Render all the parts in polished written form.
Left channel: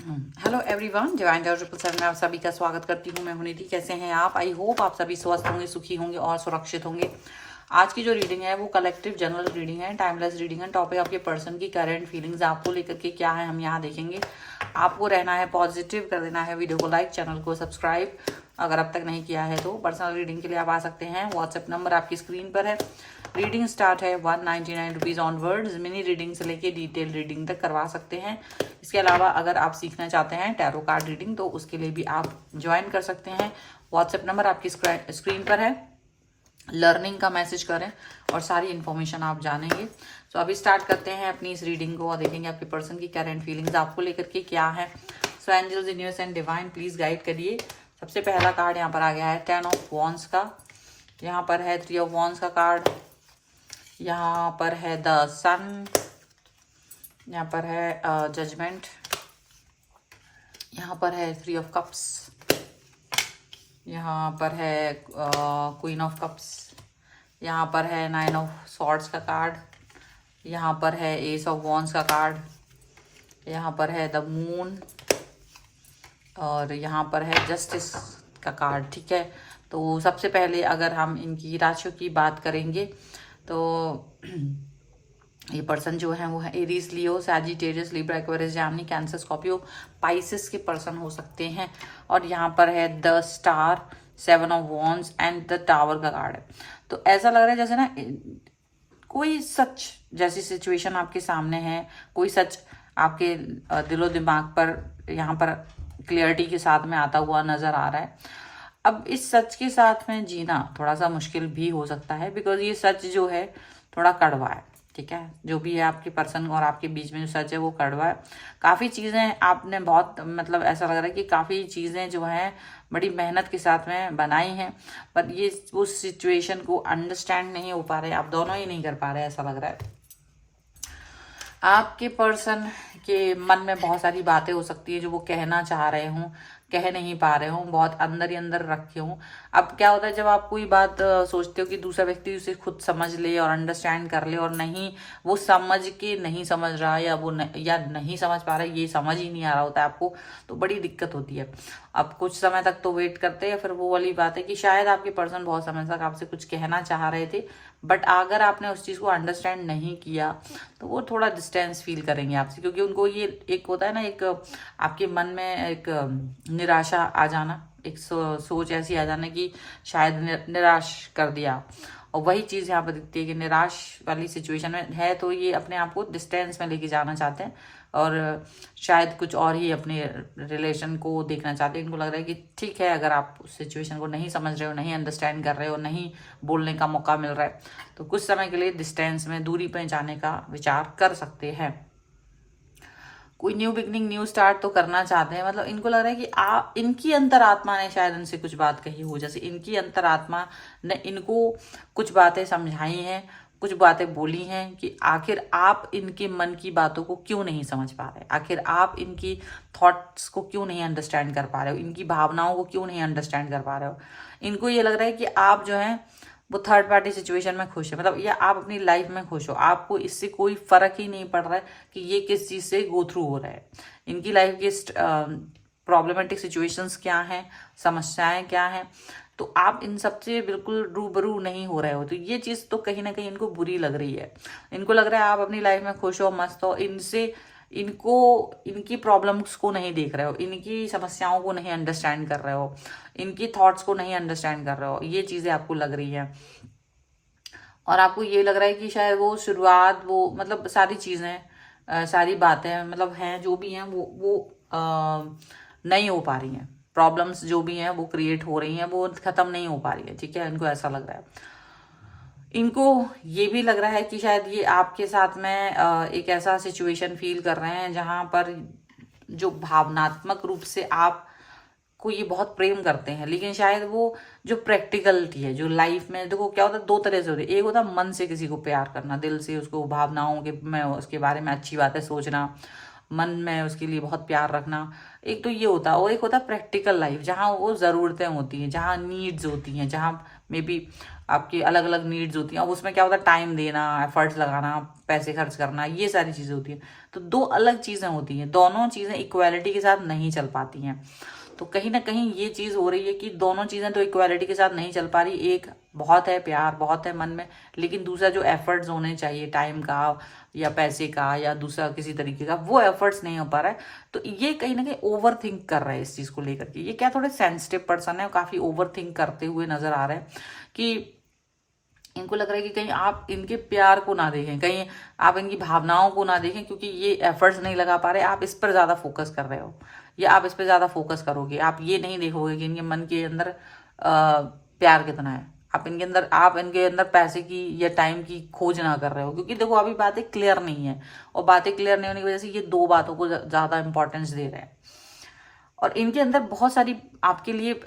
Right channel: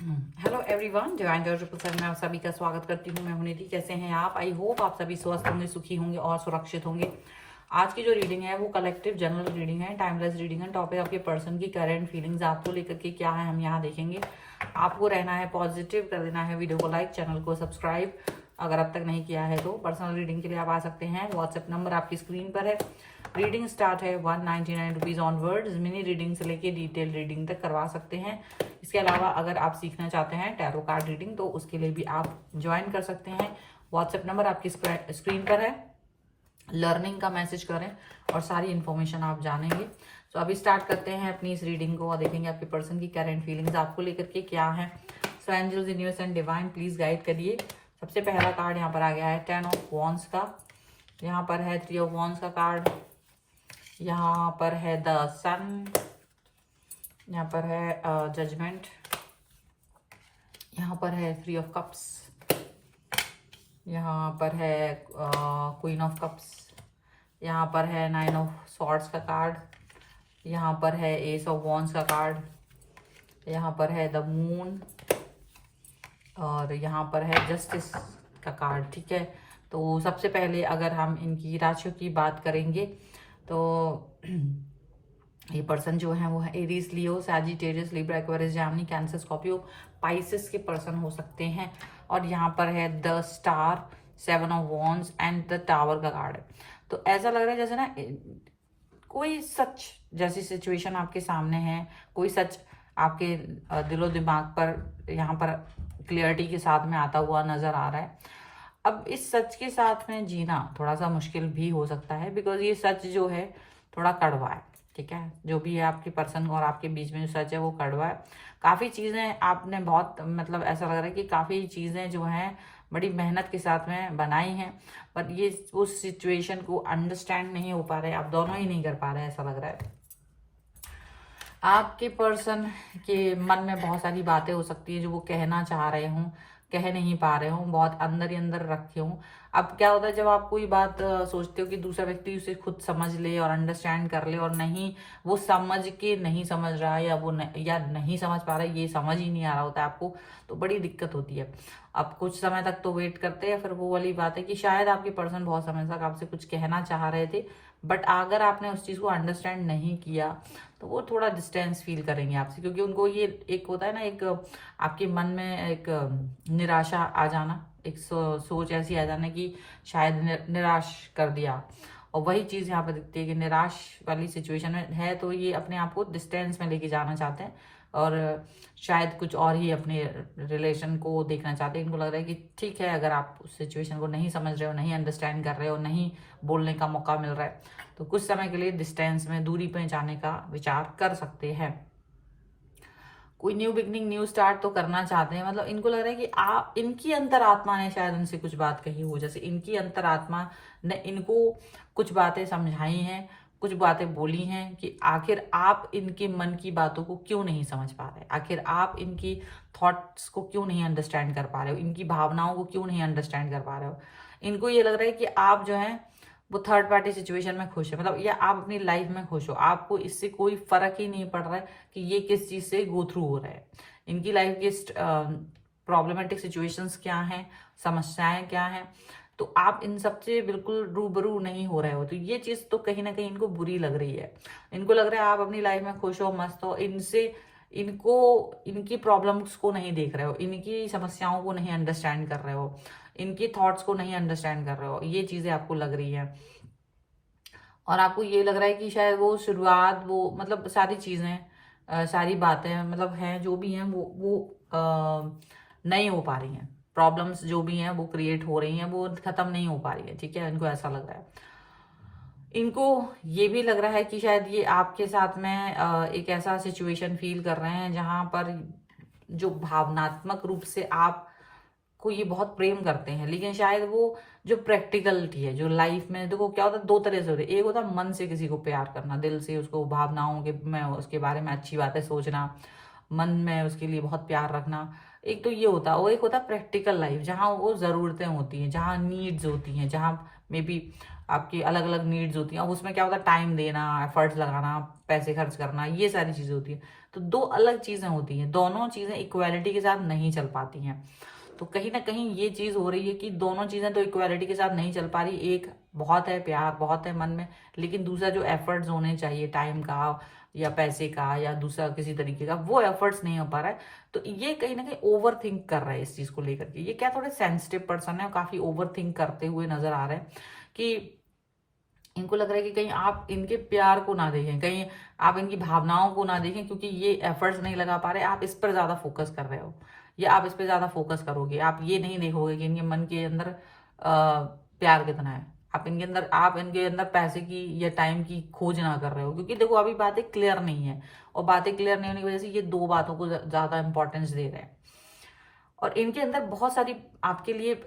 Hello everyone, divine George 777 में आप सभी का स्वागत करती हूँ। मैं हूं निधि। कैसे हैं आप? आई होप आप सभी स्वस्थ होंगे, सुखी होंगे और सुरक्षित होंगे। आज की जो रीडिंग है वो कलेक्टिव जनरल रीडिंग है, टाइमलेस रीडिंग है। टॉपिक आपके पर्सन की करंट फीलिंग्स आपको लेकर के क्या है हम यहाँ देखेंगे। आपको रहना है पॉजिटिव, कर देना है वीडियो को लाइक, चैनल को सब्सक्राइब अगर अब तक नहीं किया है तो। पर्सनल रीडिंग के लिए आप आ सकते हैं, व्हाट्सएप नंबर आपकी स्क्रीन पर है। रीडिंग स्टार्ट है 199 रुपीज़ ऑनवर्ड्स। मिनी रीडिंग से लेके डिटेल रीडिंग तक करवा सकते हैं। इसके अलावा अगर आप सीखना चाहते हैं टैरो कार्ड रीडिंग तो उसके लिए भी आप ज्वाइन कर सकते हैं। व्हाट्सएप नंबर आपकी स्क्रीन पर है। लर्निंग का मैसेज करें और सारी इन्फॉर्मेशन आप जानेंगे। तो अभी स्टार्ट करते हैं अपनी इस रीडिंग को और देखेंगे आपके पर्सन की करंट फीलिंग्स आपको लेकर के क्या है। So angels, universe and divine please guide करिए। सबसे पहला कार्ड यहाँ पर आ गया है 10 ऑफ वॉन्ड्स का। यहाँ पर है 3 ऑफ वॉन्ड्स का कार्ड। यहाँ पर है द सन। यहाँ पर है जजमेंट। यहाँ पर है 3 ऑफ कप्स। यहाँ पर है क्वीन ऑफ कप्स। यहाँ पर है 9 ऑफ सॉर्ड्स का कार्ड। यहाँ पर है एस ऑफ वॉन्ड्स का कार्ड। यहाँ पर है द मून और यहाँ पर है जस्टिस का कार्ड। ठीक है, तो सबसे पहले अगर हम इनकी राशियों की बात करेंगे तो ये पर्सन जो है वो है Aries, Leo, Sagittarius, Libra, Aquarius, Gemini, Cancer, Scorpio, Pisces के पर्सन हो सकते हैं। और यहाँ पर है the star, 7 of wands and the tower का कार्ड है। तो ऐसा लग रहा है जैसे ना कोई सच जैसी सिचुएशन आपके सामने है, कोई सच आपके दिलो दिमाग पर यहाँ पर क्लियरिटी के साथ में आता हुआ नजर आ रहा है। अब इस सच के साथ में जीना थोड़ा सा मुश्किल भी हो सकता है, बिकॉज ये सच जो है थोड़ा कड़वा है। ठीक है, जो भी है आपके पर्सन और आपके बीच में जो सच है वो कड़वा है। काफ़ी चीज़ें आपने बहुत मतलब ऐसा लग रहा है कि काफ़ी चीज़ें जो हैं बड़ी मेहनत के साथ में बनाई हैं, पर ये उस सिचुएशन को अंडरस्टैंड नहीं हो पा रहे, आप दोनों ही नहीं कर पा रहे, ऐसा लग रहा है। आपके पर्सन के मन में बहुत सारी बातें हो सकती है जो वो कहना चाह रहे हों, कह नहीं पा रहे हों, बहुत अंदर ही अंदर रखे हों। अब क्या होता है जब आप कोई बात सोचते हो कि दूसरा व्यक्ति उसे खुद समझ ले और अंडरस्टैंड कर ले, और नहीं वो समझ के नहीं समझ रहा या वो या नहीं समझ पा रहा, ये समझ ही नहीं आ रहा होता है आपको, तो बड़ी दिक्कत होती है। अब कुछ समय तक तो वेट करते हैं, फिर वो वाली बात है कि शायद आपके पर्सन बहुत समय तक आपसे कुछ कहना चाह रहे थे, बट अगर आपने उस चीज़ को अंडरस्टैंड नहीं किया तो वो थोड़ा डिस्टेंस फील करेंगे आपसे, क्योंकि उनको ये एक होता है ना, एक आपके मन में एक निराशा आ जाना, एक सोच ऐसी आ जाना कि शायद निराश कर दिया। और वही चीज़ यहाँ पर दिखती है कि निराश वाली सिचुएशन में है, तो ये अपने आप को डिस्टेंस में लेके जाना चाहते हैं और शायद कुछ और ही अपने रिलेशन को देखना चाहते हैं। इनको लग रहा है कि ठीक है, अगर आप उस सिचुएशन को नहीं समझ रहे हो, नहीं अंडरस्टैंड कर रहे हो, नहीं बोलने का मौका मिल रहा है, तो कुछ समय के लिए डिस्टेंस में, दूरी पे जाने का विचार कर सकते हैं। कोई न्यू बिगनिंग, न्यू स्टार्ट तो करना चाहते हैं। मतलब इनको लग रहा है कि इनकी अंतरात्मा ने शायद इनसे कुछ बात कही हो, जैसे इनकी अंतरात्मा ने इनको कुछ बातें समझाई हैं, कुछ बातें बोली हैं कि आखिर आप इनके मन की बातों को क्यों नहीं समझ पा रहे, आखिर आप इनकी थॉट्स को क्यों नहीं अंडरस्टैंड कर पा रहे हो, इनकी भावनाओं को क्यों नहीं अंडरस्टैंड कर पा रहे हो। इनको ये लग रहा है कि आप जो है वो थर्ड पार्टी सिचुएशन में खुश है, मतलब या आप अपनी लाइफ में खुश हो, आपको इससे कोई फर्क ही नहीं पड़ रहा है कि ये किस चीज से गो थ्रू हो रहा है। इनकी लाइफ की प्रॉब्लमेटिक सिचुएशंस क्या हैं, समस्याएं क्या हैं, तो आप इन सबसे बिल्कुल रूबरू नहीं हो रहे हो, तो ये चीज तो कहीं ना कहीं इनको बुरी लग रही है। इनको लग रहा है आप अपनी लाइफ में खुश हो, मस्त हो, इनसे इनको इनकी प्रॉब्लम्स को नहीं देख रहे हो, इनकी समस्याओं को नहीं अंडरस्टैंड कर रहे हो, इनकी थॉट्स को नहीं अंडरस्टैंड कर रहे हो, ये चीजें आपको लग रही है। और आपको ये लग रहा है कि शायद वो शुरुआत, वो मतलब सारी चीजें सारी बातें मतलब हैं जो भी हैं वो नहीं हो पा रही हैं। प्रॉब्लम्स जो भी हैं वो क्रिएट हो रही हैं, वो खत्म नहीं हो पा रही है। ठीक है, इनको ऐसा लग रहा है। इनको ये भी लग रहा है कि शायद ये आपके साथ में एक ऐसा सिचुएशन फील कर रहे हैं जहां पर जो भावनात्मक रूप से आप को ये बहुत प्रेम करते हैं, लेकिन शायद वो जो प्रैक्टिकलिटी है, जो लाइफ में देखो क्या होता है, दो तरह से होती है। एक होता है मन से किसी को प्यार करना, दिल से उसको भावनाओं के में उसके बारे में अच्छी बातें सोचना, मन में उसके लिए बहुत प्यार रखना, एक तो ये होता है। और एक होता है प्रैक्टिकल लाइफ, जहाँ वो ज़रूरतें होती हैं, जहाँ नीड्स होती हैं, जहाँ मे बी आपकी अलग अलग नीड्स होती हैं। अब उसमें क्या होता है, टाइम देना, एफर्ट्स लगाना, पैसे खर्च करना, ये सारी चीज़ें होती हैं। तो दो अलग चीज़ें होती हैं, दोनों चीज़ें इक्वालिटी के साथ नहीं चल पाती हैं। तो कहीं ना कहीं ये चीज़ हो रही है कि दोनों चीज़ें तो इक्वालिटी के साथ नहीं चल पा रही। एक बहुत है प्यार, बहुत है मन में, लेकिन दूसरा जो एफर्ट्स होने चाहिए टाइम का या पैसे का या दूसरा किसी तरीके का, वो एफर्ट्स नहीं हो पा रहा है। तो ये कहीं ना कहीं ओवर थिंक कर रहे हैं इस चीज़ को लेकर के। ये क्या थोड़े सेंसिटिव पर्सन है, काफ़ी ओवर थिंक करते हुए नजर आ रहे हैं कि इनको लग रहा है कि कहीं आप इनके प्यार को ना देखें, कहीं आप इनकी भावनाओं को ना देखें, क्योंकि ये एफर्ट्स नहीं लगा पा रहे। आप इस पर ज़्यादा फोकस कर रहे हो या आप इस पर ज़्यादा फोकस करोगे। आप ये नहीं देखोगे कि इनके मन के अंदर प्यार कितना है। आप इनके अंदर पैसे की या टाइम की खोज ना कर रहे हो, क्योंकि देखो अभी बातें क्लियर नहीं है, और बातें क्लियर नहीं होने की वजह से ये दो बातों को ज़्यादा इंपॉर्टेंस दे रहे हैं। और इनके अंदर बहुत सारी आपके लिए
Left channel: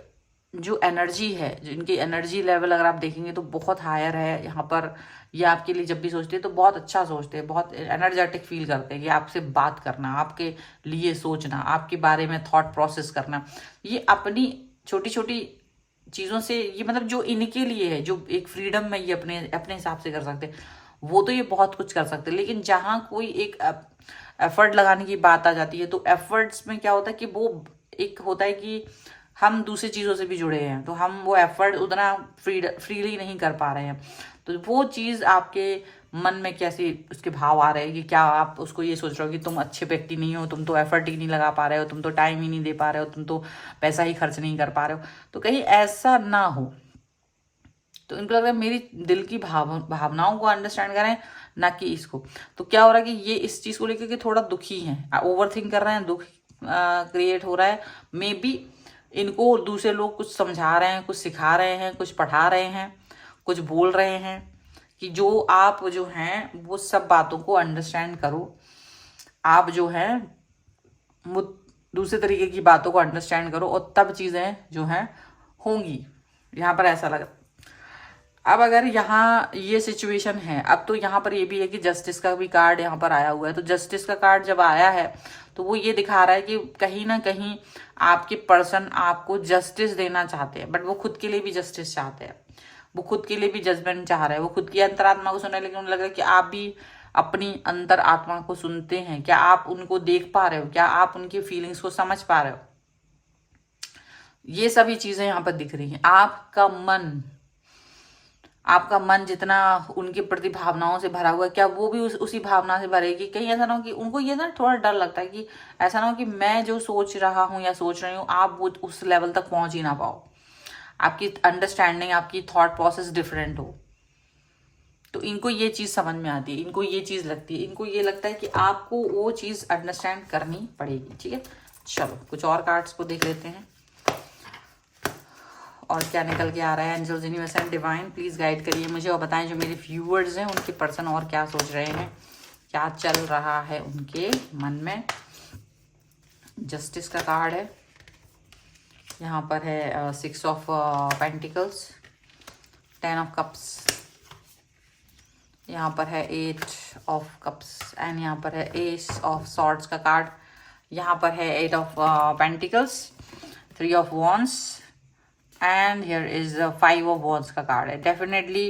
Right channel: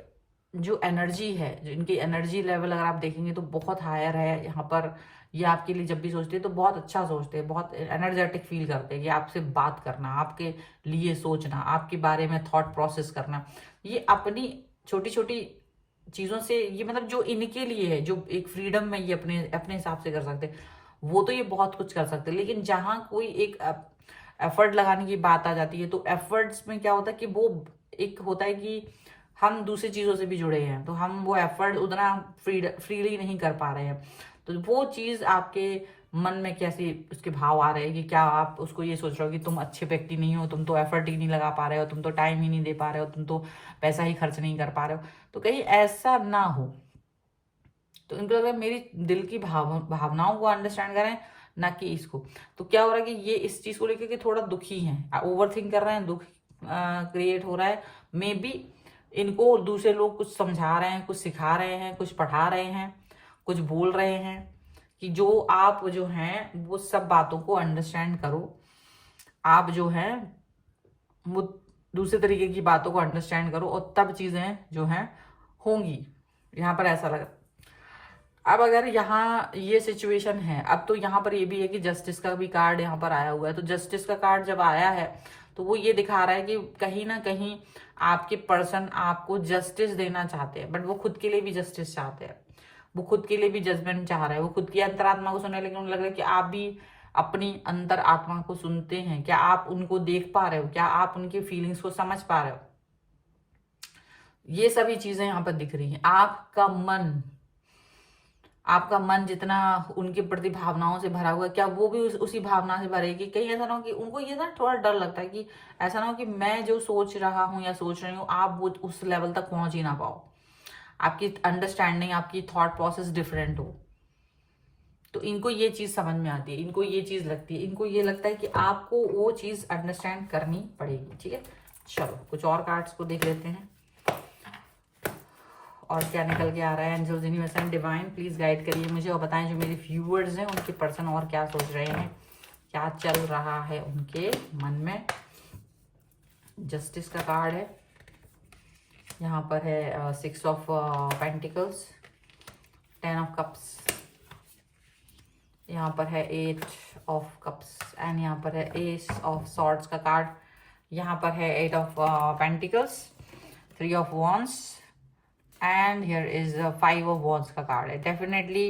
जो एनर्जी है, जो इनकी एनर्जी लेवल अगर आप देखेंगे तो बहुत हायर है यहाँ पर। ये आपके लिए जब भी सोचते हैं तो बहुत अच्छा सोचते हैं, बहुत एनर्जेटिक फील करते हैं कि आपसे बात करना, आपके लिए सोचना, आपके बारे में थॉट प्रोसेस करना, ये अपनी छोटी छोटी चीज़ों से, ये मतलब जो इनके लिए है, जो एक फ्रीडम में ये अपने अपने हिसाब से कर सकते हैं, वो तो ये बहुत कुछ कर सकते हैं। लेकिन जहाँ कोई एक एफर्ट लगाने की बात आ जाती है, तो एफर्ट्स में क्या होता है कि वो एक होता है कि हम दूसरी चीज़ों से भी जुड़े हैं, तो हम वो एफर्ट उतना फ्रीली नहीं कर पा रहे हैं। तो वो चीज़ आपके मन में कैसे उसके भाव आ रहे हैं कि क्या आप उसको ये सोच रहे हो कि तुम अच्छे व्यक्ति नहीं हो, तुम तो एफर्ट ही नहीं लगा पा रहे हो, तुम तो टाइम ही नहीं दे पा रहे हो, तुम तो पैसा ही खर्च नहीं कर पा रहे हो। तो कहीं ऐसा ना हो। तो इनको लग रहा है मेरी दिल की भावनाओं को अंडरस्टैंड करें, ना कि इसको। तो क्या हो रहा है कि ये इस चीज़ को लेकर के थोड़ा दुखी हैं, ओवर थिंक कर रहे हैं, दुख क्रिएट हो रहा है। मे बी इनको दूसरे लोग कुछ समझा रहे हैं, कुछ सिखा रहे हैं, कुछ पढ़ा रहे हैं, कुछ बोल रहे हैं कि जो आप जो हैं वो सब बातों को अंडरस्टैंड करो। आप जो हैं वो दूसरे तरीके की बातों को अंडरस्टैंड करो, और तब चीज़ें जो हैं होंगी। यहाँ पर ऐसा लगा। अब अगर यहाँ ये सिचुएशन है, अब तो यहाँ पर ये भी है कि जस्टिस का भी कार्ड यहाँ पर आया हुआ है। तो जस्टिस का कार्ड जब आया है तो वो ये दिखा रहा है कि कहीं ना कहीं आपके पर्सन आपको जस्टिस देना चाहते हैं, बट वो खुद के लिए भी जस्टिस चाहते हैं, वो खुद के लिए भी जजमेंट चाह रहे हैं, वो खुद की अंतरात्मा को सुनने। लेकिन उन्हें लग रहा है कि आप भी अपनी अंतर आत्मा को सुनते हैं क्या? आप उनको देख पा रहे हो क्या? आप उनकी फीलिंग्स को समझ पा रहे हो? ये सभी चीजें यहाँ पर दिख रही हैं। आपका मन जितना उनके प्रति भावनाओं से भरा हुआ है, क्या वो भी उसी भावना से भरेगी? कहीं ऐसा ना हो कि उनको ये ना थोड़ा डर लगता है कि ऐसा ना हो कि मैं जो सोच रहा हूँ या सोच रही हूँ, आप वो उस लेवल तक पहुंच ही ना पाओ, आपकी अंडरस्टैंडिंग, आपकी थॉट प्रोसेस डिफरेंट हो। तो इनको ये चीज समझ में आती है, इनको ये चीज लगती है, इनको ये लगता है कि आपको वो चीज अंडरस्टैंड करनी पड़ेगी। ठीक है, चलो कुछ और कार्ड्स को देख लेते हैं और क्या निकल के आ रहा है। Angels, universe and divine please guide करिए मुझे, और बताएं जो मेरे व्यूअर्स हैं उनके पर्सन और क्या सोच रहे हैं, क्या चल रहा है उनके मन में। जस्टिस का कार्ड है, यहाँ पर है 6 ऑफ पेंटिकल्स, 10 ऑफ कप्स, यहाँ पर है 8 ऑफ कप्स, एंड यहाँ पर है एस ऑफ सॉर्ड्स का कार्ड। यहाँ पर है 8 of pentacles, 3 of wands, and here is 5 of wands का कार्ड है। डेफिनेटली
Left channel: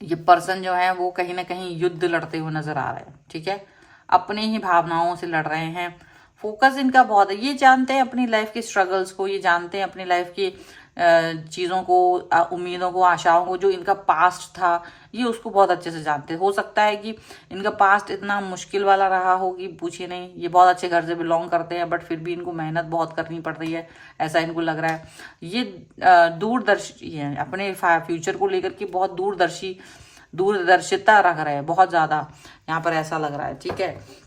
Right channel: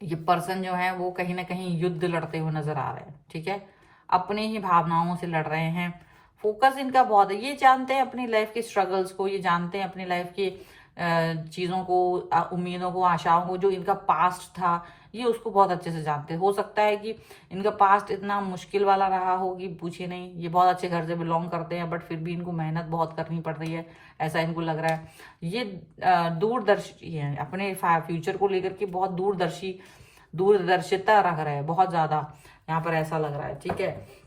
ये पर्सन जो है वो कहीं ना कहीं युद्ध लड़ते हुए नजर आ रहे हैं। ठीक है, अपनी ही भावनाओं से लड़ रहे हैं। फोकस इनका बहुत है, ये जानते हैं अपनी लाइफ के स्ट्रगल्स को, ये जानते हैं अपनी लाइफ की चीज़ों को, उम्मीदों को, आशाओं को, जो इनका पास्ट था ये उसको बहुत अच्छे से जानते हैं। हो सकता है कि इनका पास्ट इतना मुश्किल वाला रहा हो कि पूछे नहीं। ये बहुत अच्छे घर से बिलोंग करते हैं, बट फिर भी इनको मेहनत बहुत करनी पड़ रही है, ऐसा इनको लग रहा है। ये दूरदर्शी है, अपने फ्यूचर को लेकर के बहुत दूरदर्शिता रख रहे हैं, बहुत ज़्यादा यहाँ पर ऐसा लग रहा है। ठीक है,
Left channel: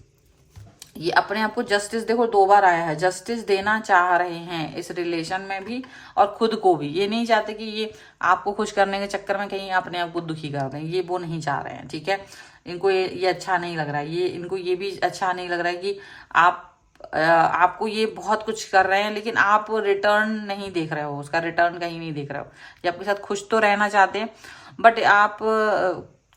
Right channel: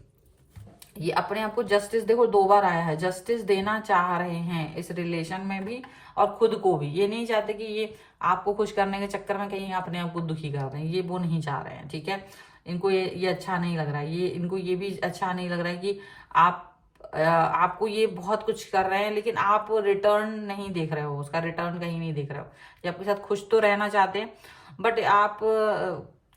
ये अपने आप को जस्टिस, देखो 2 बार आया है, जस्टिस देना चाह रहे हैं इस रिलेशन में भी और खुद को भी। ये नहीं चाहते कि ये आपको खुश करने के चक्कर में कहीं अपने आप को दुखी कर दें, ये वो नहीं चाह रहे हैं। ठीक है, इनको ये अच्छा नहीं लग रहा है, ये इनको ये भी अच्छा नहीं लग रहा है कि आपको ये बहुत कुछ कर रहे हैं लेकिन आप रिटर्न नहीं देख रहे हो, उसका रिटर्न कहीं नहीं देख रहे हो। ये आपके साथ खुश तो रहना चाहते हैं, बट आप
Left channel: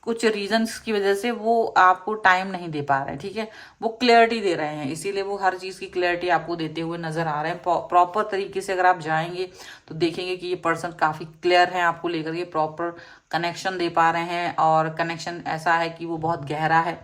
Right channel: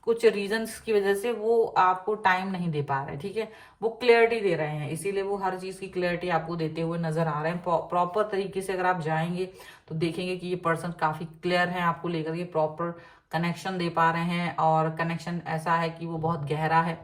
कुछ रीजंस की वजह से वो आपको टाइम नहीं दे पा रहे हैं, ठीक है। वो क्लैरिटी दे रहे हैं, इसीलिए वो हर चीज की क्लैरिटी आपको देते हुए नजर आ रहे हैं। प्रॉपर तरीके से अगर आप जाएंगे तो देखेंगे कि ये पर्सन काफी क्लियर है आपको लेकर के, प्रॉपर कनेक्शन दे पा रहे हैं, और कनेक्शन ऐसा है कि वो बहुत गहरा है।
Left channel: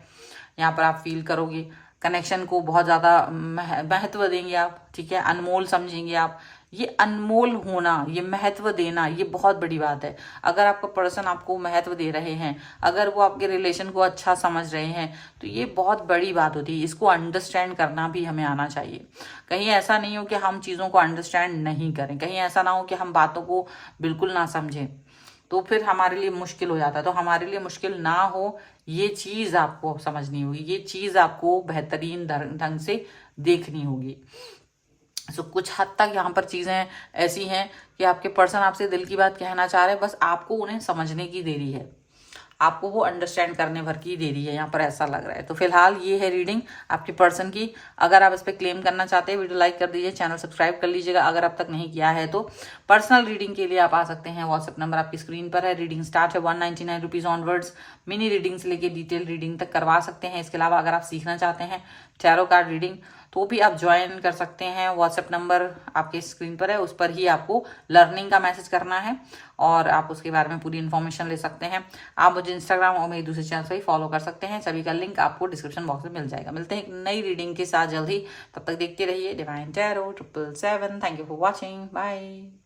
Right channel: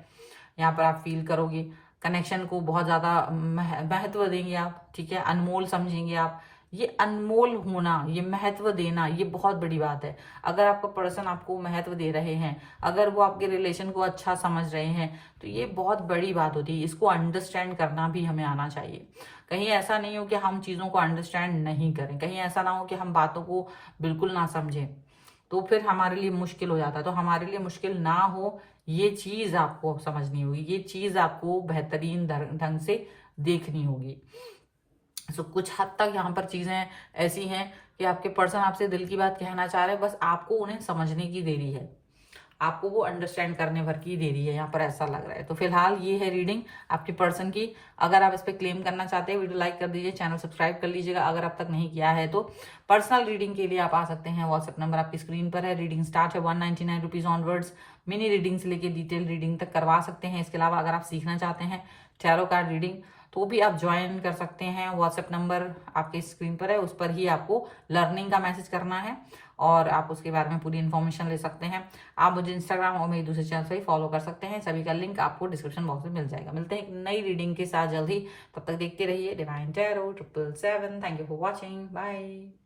यहाँ पर आप फील करोगे कनेक्शन को, बहुत ज्यादा महत्व देंगे आप, ठीक है, अनमोल समझेंगे आप। ये अनमोल होना, ये महत्व देना, ये बहुत बड़ी बात है। अगर आपका पर्सन आपको महत्व दे रहे हैं, अगर वो आपके रिलेशन को अच्छा समझ रहे हैं, तो ये बहुत बड़ी बात होती है। इसको अंडरस्टैंड करना भी हमें आना चाहिए। कहीं ऐसा नहीं हो कि हम चीजों को अंडरस्टैंड नहीं करें, कहीं ऐसा ना हो कि हम बातों को बिल्कुल ना समझें, तो फिर हमारे लिए मुश्किल हो जाता है। तो हमारे लिए मुश्किल ना हो, ये चीज आपको समझनी होगी, ये चीज आपको बेहतरीन ढंग से देखनी होगी। सो कुछ हद तक यहाँ पर चीजें ऐसी हैं कि आपके पर्सन आपसे दिल की बात कहना चाह रहे हैं, बस आपको उन्हें समझने की देरी है, आपको वो अंडरस्टैंड करने भर की देरी है, यहाँ पर ऐसा लग रहा है। तो फिलहाल ये है रीडिंग आपके पर्सन की। अगर आप इस पर क्लेम करना चाहते हैं, वीडियो लाइक कर दीजिए, चैनल सब्सक्राइब कर लीजिएगा अगर अब तक नहीं किया है तो। पर्सनल रीडिंग के लिए आप आ सकते हैं, व्हाट्सएप नंबर आपकी स्क्रीन पर है। रीडिंग स्टार्ट है 199 रुपीज ऑनवर्ड्स। मिनी रीडिंग से लेके डिटेल रीडिंग तक करवा सकते हैं। इसके अलावा अगर आप सीखना चाहते हैं टैरो कार्ड रीडिंग, तो भी आप ज्वाइन कर सकते हैं। व्हाट्सएप नंबर आपके स्क्रीन पर है, उस पर ही आपको लर्निंग का मैसेज करना है और आप उसके बारे में पूरी इन्फॉर्मेशन ले सकते हैं। आप मुझे इंस्टाग्राम और मेरे दूसरे चैनल से ही फॉलो कर सकते हैं, सभी का लिंक आपको डिस्क्रिप्शन बॉक्स में मिल जाएगा। मिलते हैं एक नई रीडिंग के साथ जल्द ही, तब तक देखते रहिए divine tarot 777। Thank you for watching, bye.